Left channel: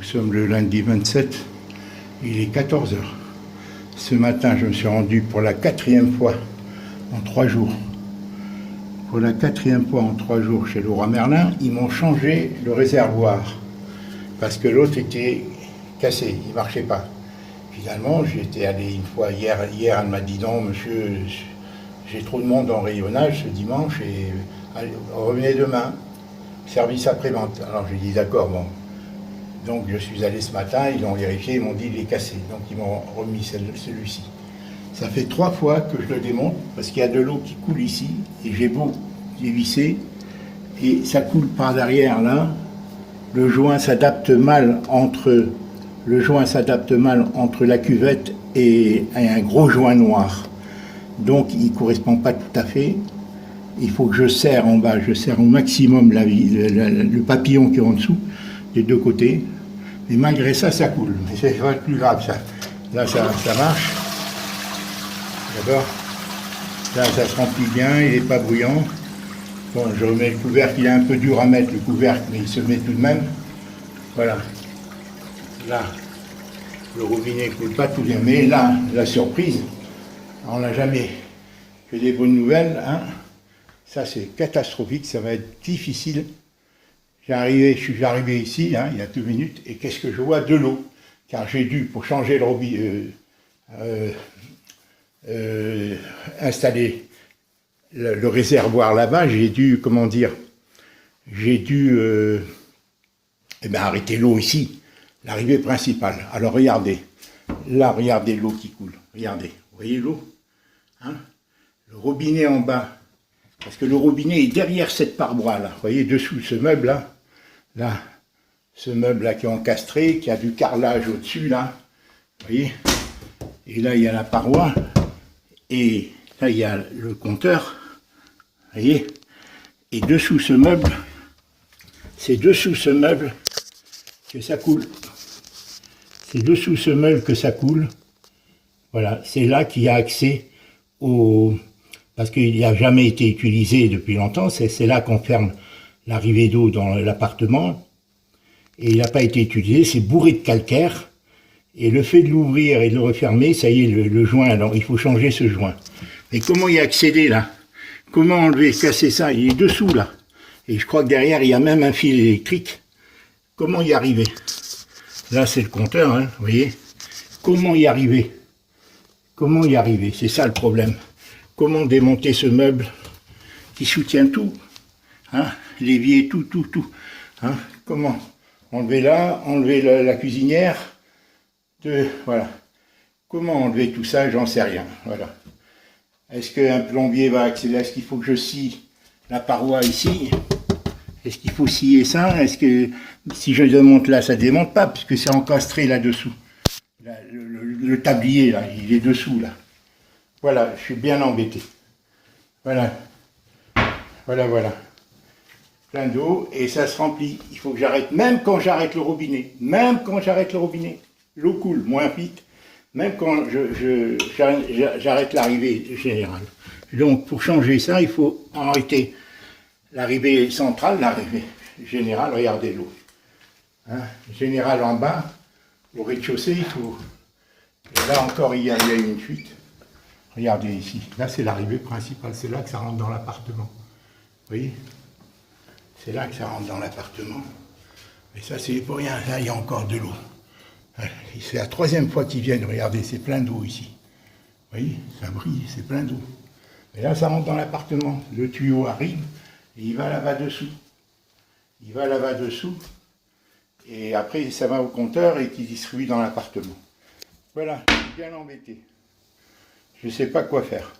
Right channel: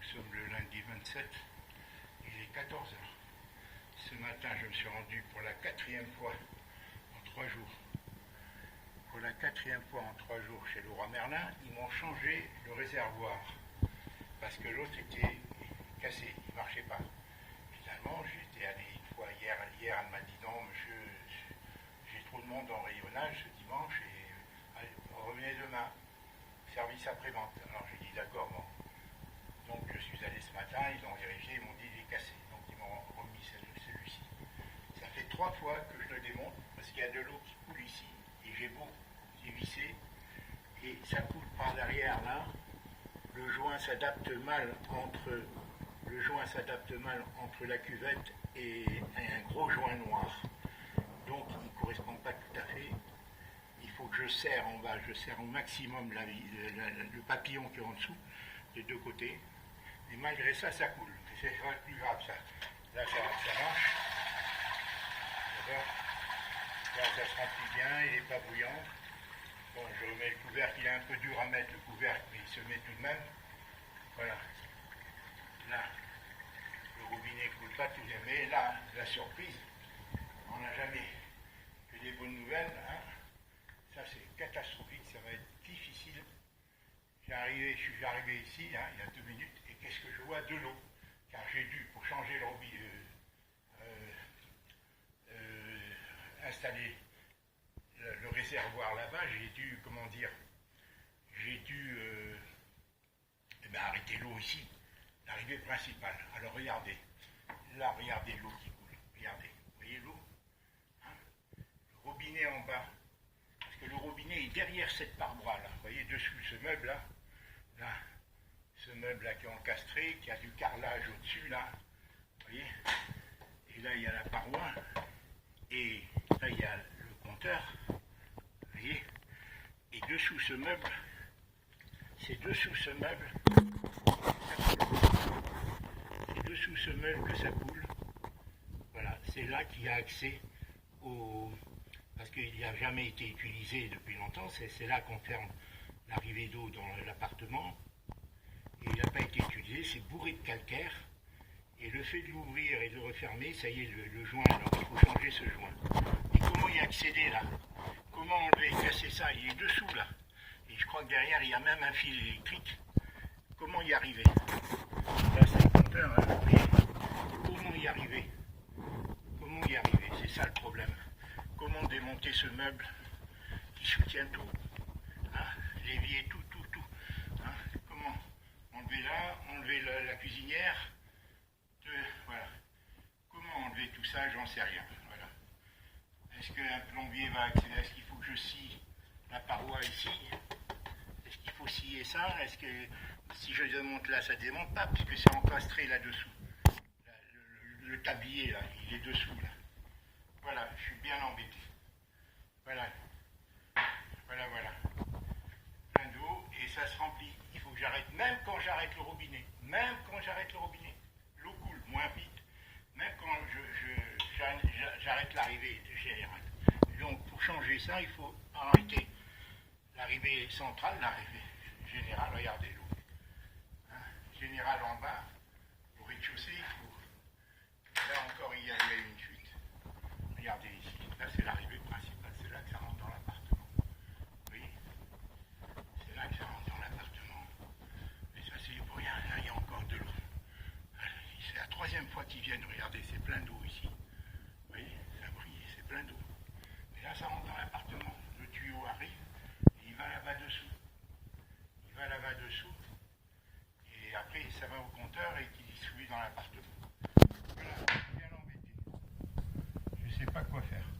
Nous sommes le lundi 27, il est 14 heures. Ce matin, je me suis rendu pour la 4e fois en 3 jours. Pour la 4e fois en 3 jours chez Leroy Merlin, ils m'ont changé le réservoir parce que l'autre était cassé, il ne marchait pas. Finalement, j'étais allé une fois hier, elle m'a dit non, monsieur, j'ai trop de monde en rayonnage ce dimanche et allez, revenez demain, service après-vente. Alors j'ai dit d'accord, bon. Donc je suis allé ce matin, ils l'ont vérifié, ils m'ont dit il est cassé. Donc ils m'ont remis celui-ci. Ça fait 3 fois que je le démonte parce qu'il y a de l'eau qui coule ici et j'ai beau dévisser et ça coule par derrière là. Le joint s'adapte mal entre la cuvette et un gros joint noir. Donc il ne correspond pas tout à fait. Il faut que je serre en bas, je serre au maximum le papillon qui est en dessous, des deux côtés. Mais malgré ça, ça coule. Mais c'est pas plus grave ça. Là, ça marche. D'accord. Là, ça se remplit bien, il n'est pas bruyant. Bon, je remets le couvercle, il est un peu dur à mettre le couvercle, mais il se met tout de même. Voilà. Là, le robinet ne coule pas tout bien. Mais là, la surprise, on n'a jamais que des bonnes nouvelles. Hein. Ça, c'est catastrophique, ça va être difficile. Je suis arrivé ici, hein, il y a 2 minutes, et qu'est-ce que je vois? De l'eau. Car j'ai dû, pour changer le robinet, installer le réservoir là-bas, j'ai dû, arrêter l'eau ici, l'arrivée principale. Alors regardez, là, regardez l'eau qui coule, regardez, vous voyez l'eau, hein? Le robinet en bas, parce que le robinet est derrière cette paroi là, vous voyez, dessous ce meuble là, ce meuble là qui est encastré, qui a du carrelage au-dessus là, vous voyez, et là il y a la paroi, et là il y a le compteur, vous voyez, et dessous ce meuble, c'est dessous ce meuble que ça coule, c'est dessous ce meuble que ça coule, voilà, c'est là qu'il y a accès au... Parce qu'il n'a jamais été utilisé depuis longtemps, c'est là qu'on ferme l'arrivée d'eau dans l'appartement, et il n'a pas été utilisé, c'est bourré de calcaire, et le fait de l'ouvrir et de le refermer, ça y est, le joint, alors il faut changer ce joint. Mais comment y accéder là? Comment enlever, casser ça? Il est dessous là, et je crois que derrière il y a même un fil électrique. Comment y arriver? Là c'est le compteur, hein, vous voyez. Comment y arriver? Comment y arriver? C'est ça le problème. Comment démonter ce meuble qui soutient tout, hein, l'évier, tout, hein, comment enlever là, enlever la cuisinière, voilà. Comment enlever tout ça, j'en sais rien, voilà. Est-ce qu'un plombier va accéder? Est-ce qu'il faut que je scie la paroi ici? Est-ce qu'il faut scier ça? Est-ce que si je démonte là, ça ne démonte pas, puisque c'est encastré là-dessous. Le tablier, là, il est dessous, là. Voilà, je suis bien embêté. Voilà. Voilà. Plein d'eau, et ça se remplit. Il faut que j'arrête, même quand j'arrête le robinet. L'eau coule moins vite, même quand j'arrête l'arrivée générale. Donc, pour changer ça, il faut arrêter l'arrivée centrale, l'arrivée générale. Regardez l'eau. Hein, générale en bas, au rez-de-chaussée, il faut... Et là encore, il y a une fuite. Regardez ici, là c'est l'arrivée principale, c'est là que ça rentre dans l'appartement. Vous voyez? C'est là que ça rentre dans l'appartement. Mais ça c'est pour rien, là il y a encore de l'eau. C'est la 3e fois qu'ils viennent, regardez, c'est plein d'eau ici. Vous voyez? Ça brille, c'est plein d'eau. Et là ça rentre dans l'appartement. Le tuyau arrive et il va là-bas dessous. Et après ça va au compteur et qui distribue dans l'appartement. Voilà, bien embêté. Je ne sais pas quoi faire.